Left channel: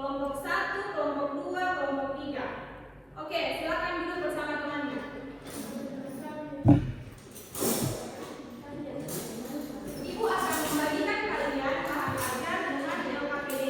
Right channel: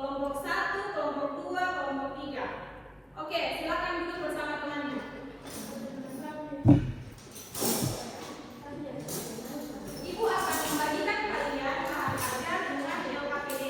kelompok 1, kelompok 2, kelompok 3. Oke, silakan duduk bersama temannya. Ibu akan membagikan kalian bahan ajar dengan LKPD.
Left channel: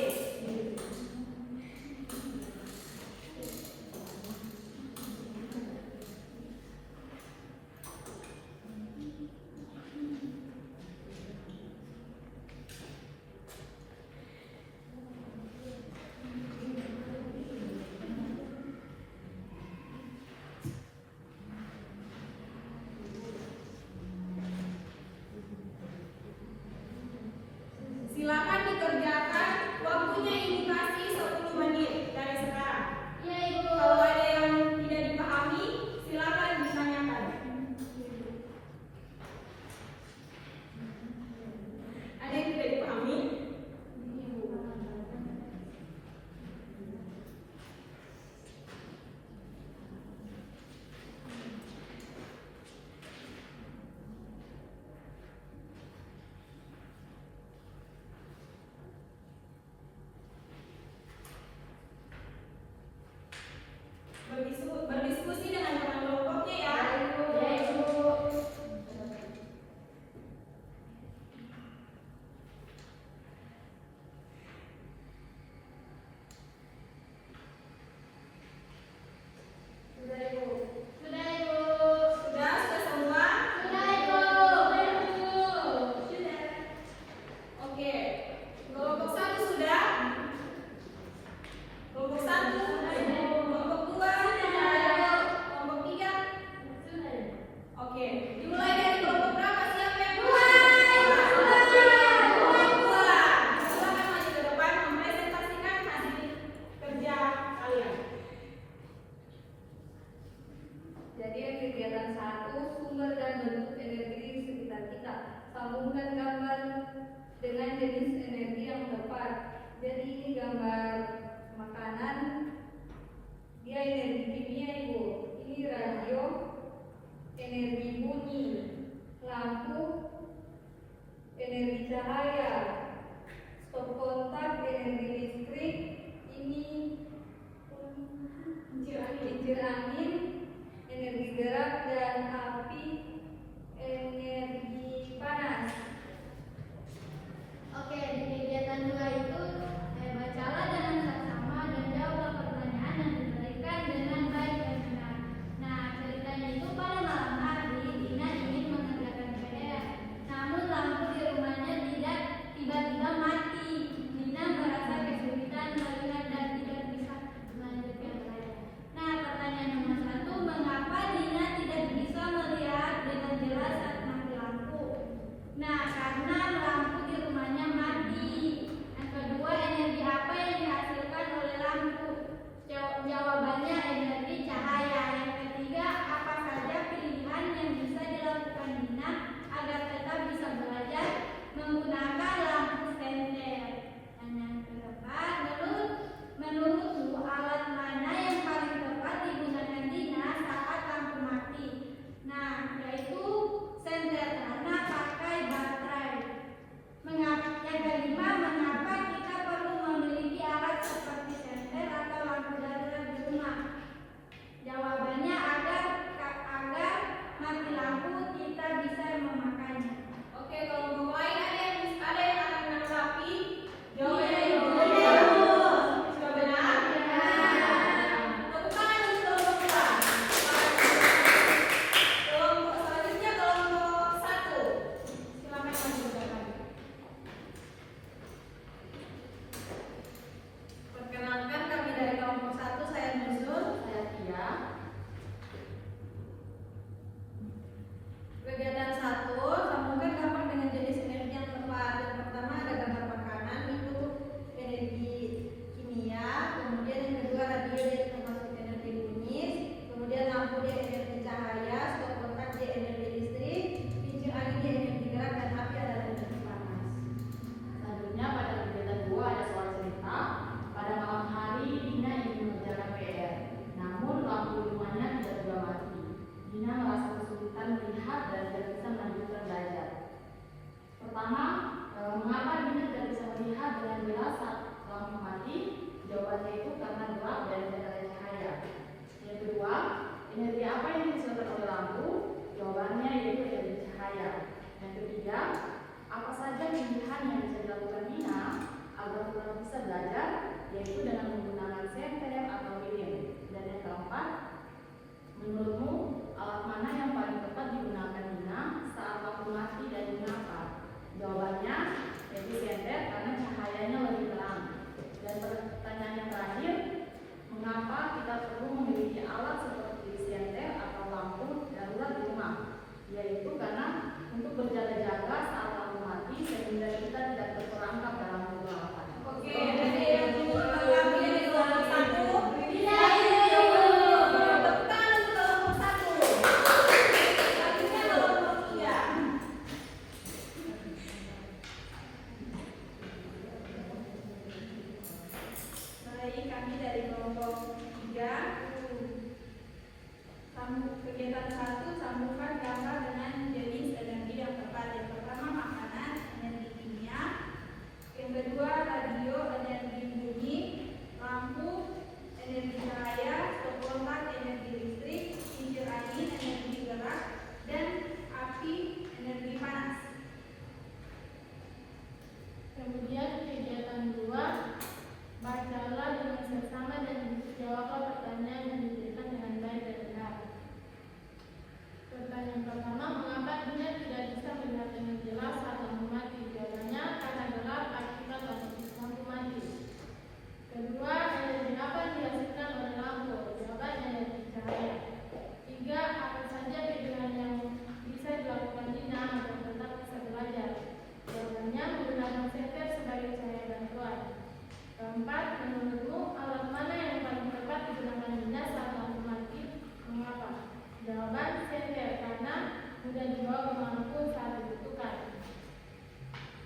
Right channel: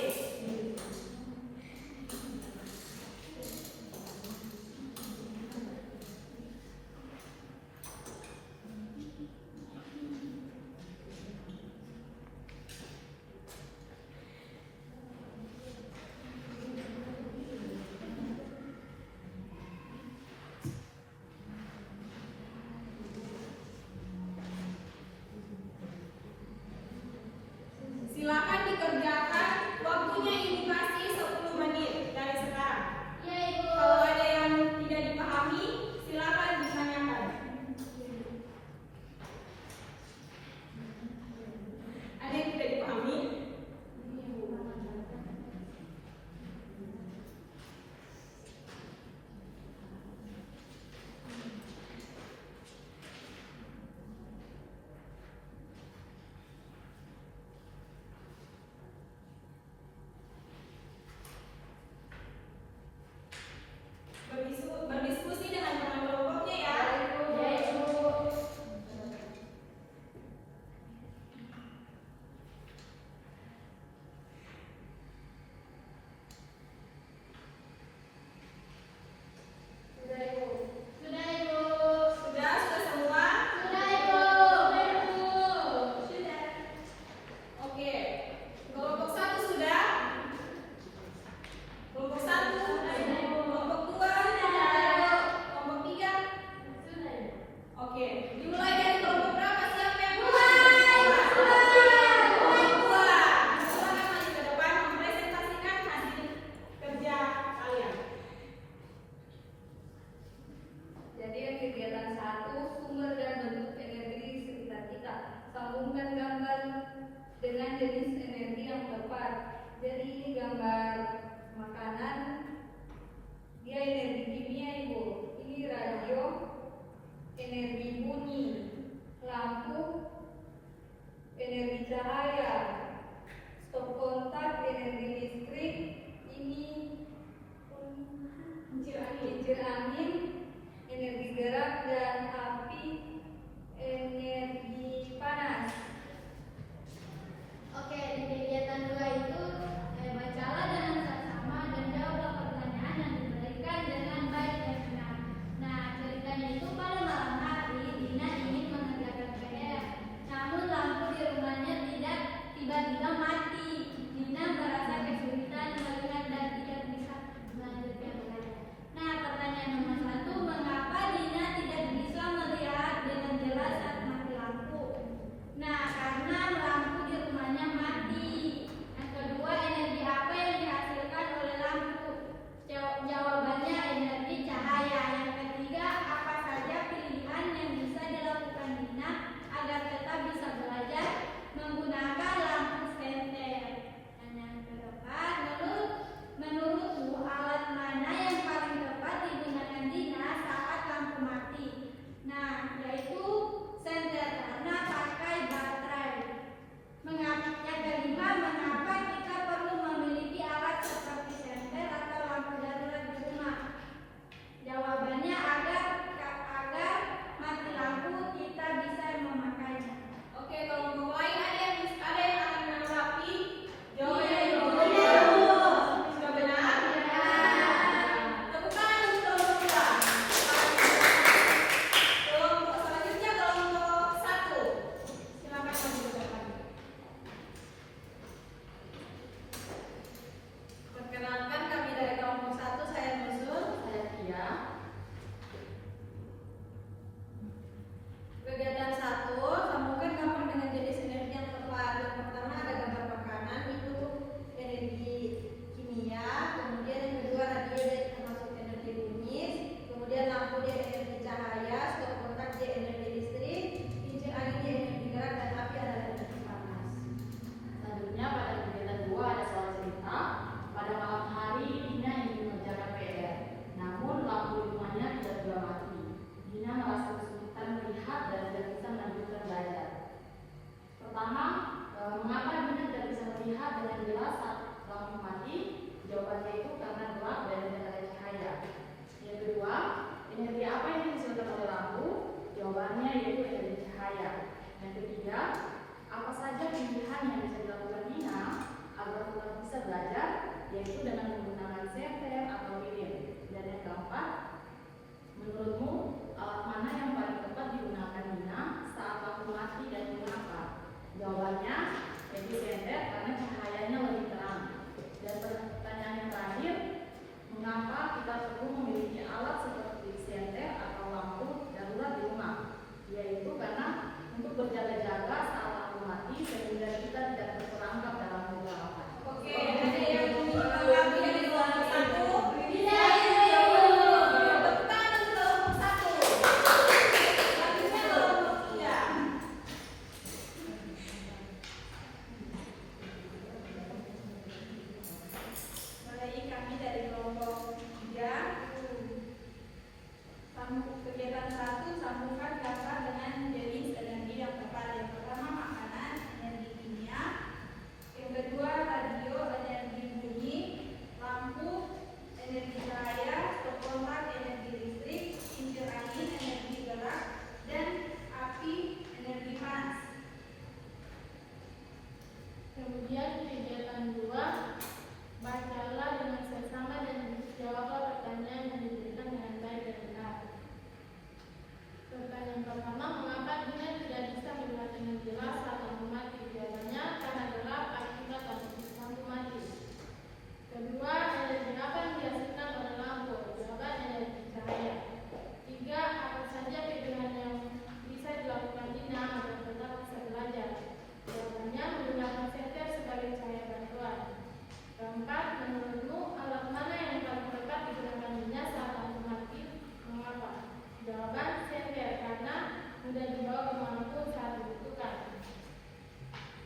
yaitu dengan menggunakan senter atau lilin. Dan yang keempat, menurutmu alat mana yang paling tepat digunakan Dina saat lampu mati dan mengapa? Jawabannya yaitu senter karena cahayanya lebih terang. Dan pertanyaan yang terakhir, mengapa kita perlu memiliki alat seperti senter atau lampu darurat di rumah? Yaitu karena untuk berjaga-jaga saat lampu mati sehingga kita tidak terperangkap dalam kegelapan. Oke, jadi yang kedua lagi yang kelompok satu. Kegiatan satu, sambungkan gambar dengan jenis energi yang tepat. Yang pertama makanan, energi kimia. Yang kedua radio, energi bunyi. Lampu, energi cahaya. Kontak, energi listrik. Kincir angin, energi gerak. Dan api, energi panas. Kemudian kegiatan 2, bacalah dengan seksama dan jawablah pertanyaan yang diberikan dengan baik dan benar. Pertanyaan pertama, mengapa Dina tidak bisa melihat dengan jelas saat lampu mati? Jawabannya karena gelap akibat lampu mati. Kedua, energi apa yang dihasilkan oleh lampu? Jawabannya energi cahaya. 3, apa saja kegiatan yang bisa dilakukan Dina agar tetap bisa belajar? Jawabannya menggunakan senter sebagai cahaya bantuan. Keempat, menurutmu alat mana yang paling tepat digunakan Dina saat lampu mati? Mengapa? Jawaban senter karena mudah dibawa kemanapun saat dibutuhkan.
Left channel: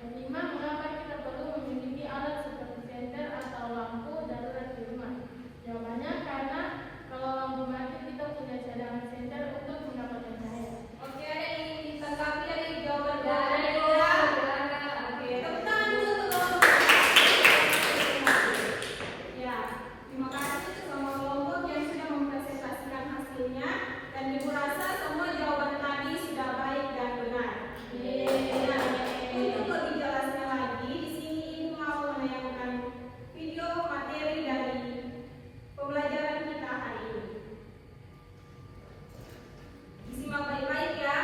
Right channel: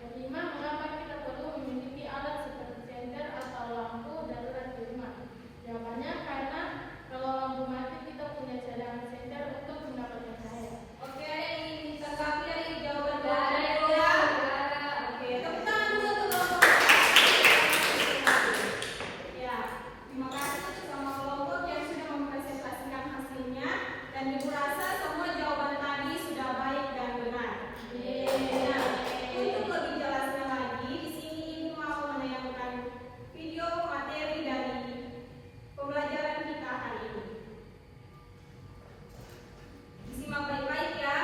Kelima, mengapa kita perlu memiliki alat seperti senter atau lampu darurat di rumah? Jawabannya karena kalau lampu mati kita punya cadangan senter untuk mendapatkan cahaya. Oke, ini tanggapi dari jawaban dari ya. Oke, tepuk tangan dulu kelompok. Ya, terima kasih sama kelompok yang sudah mempresentasikan hasilnya. Dan ibu rasa semua jawaban tadi sudah baik dan benar. Untuk lebih jelasnya lagi, di sini ibu mau menayangkan video materi dari pembelajaran kita hari ini. Disimak baik-baik ya.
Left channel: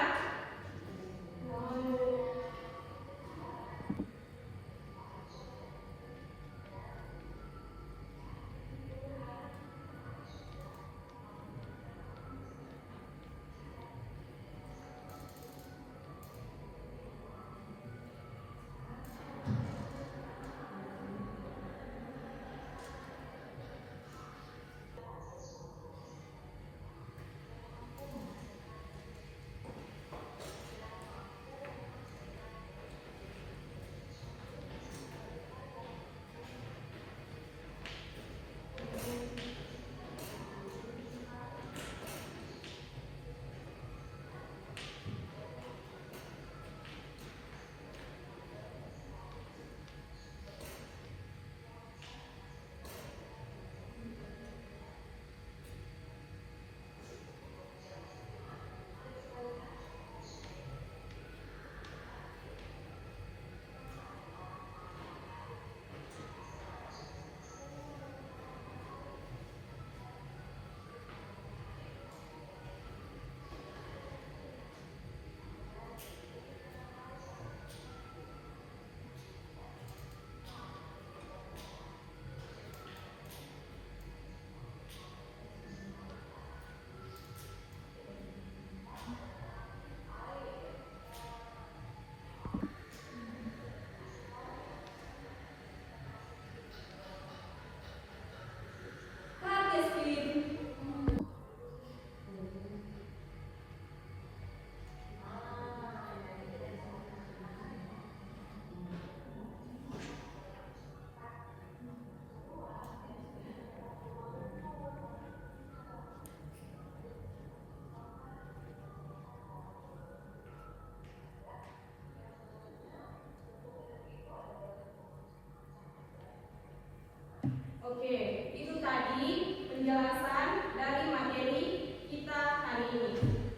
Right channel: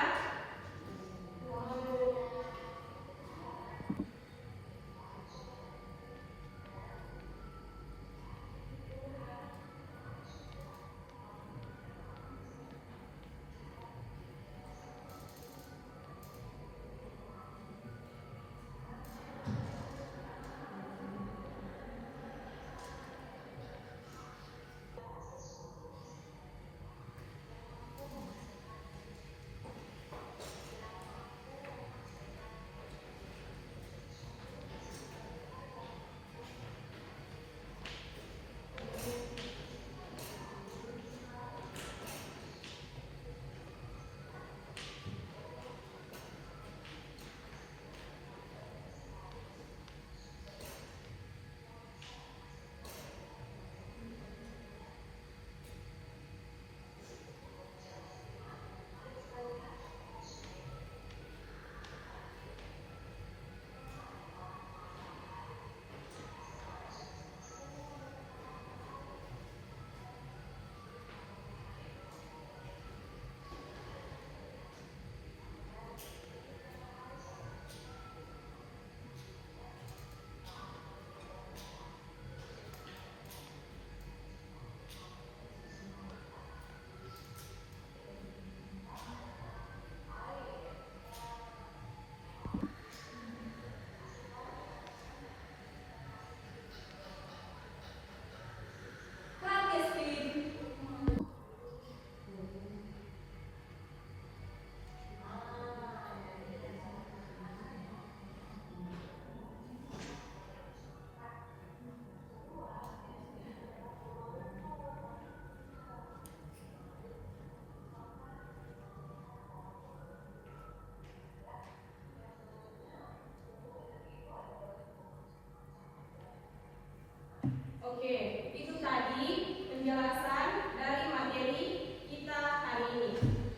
Oke, itu tadi penjelasan dari materi kita hari ini.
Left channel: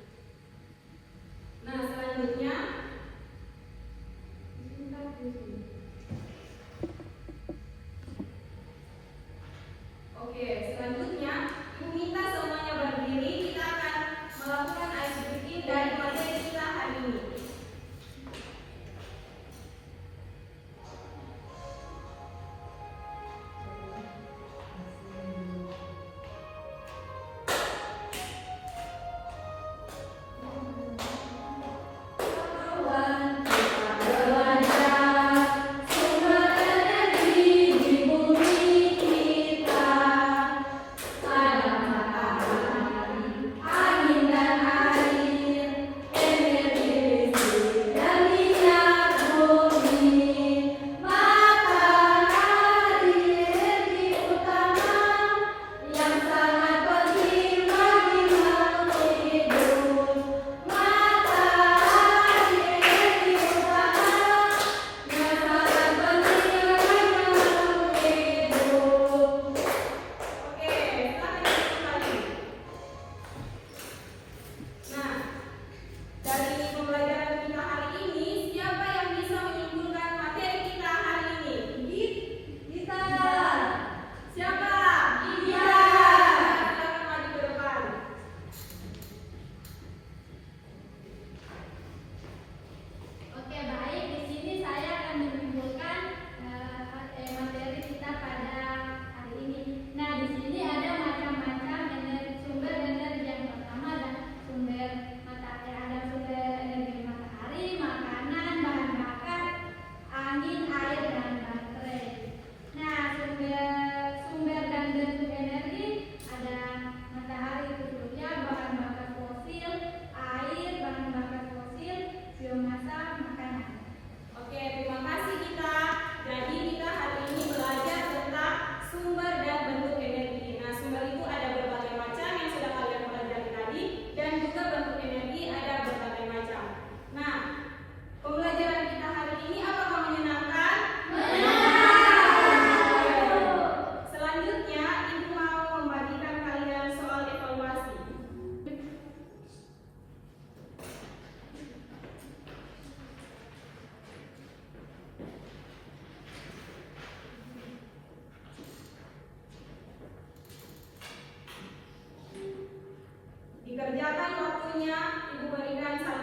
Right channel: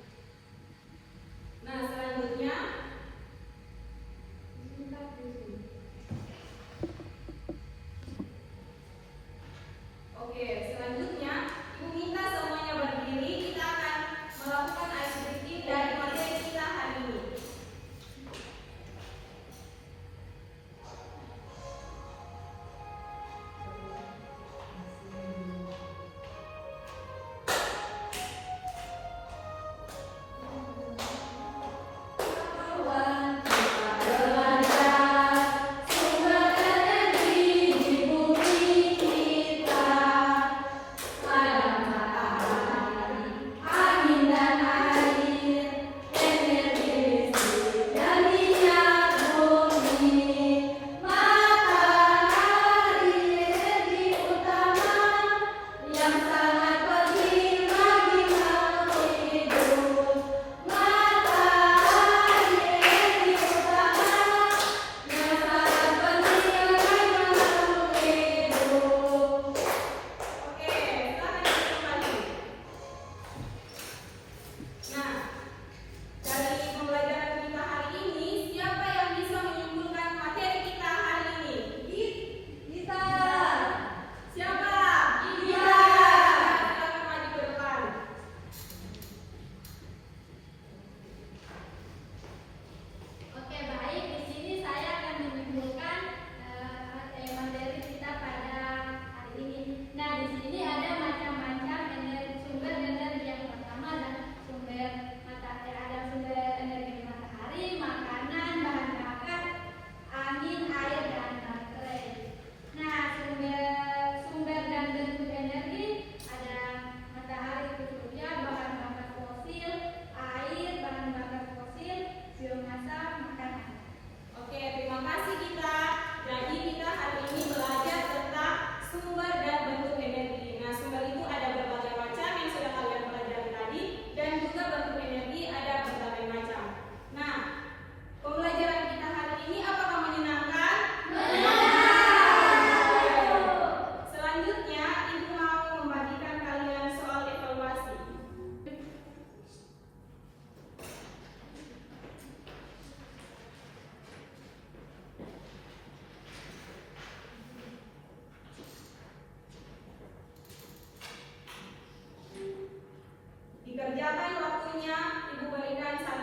Nah, selanjutnya Oke, selanjutnya Ibu minta semuanya berdiri. Kita akan melakukan ice breaking dari materi kita hari ini. Dikerjakan waktunya, Ibu berikan 1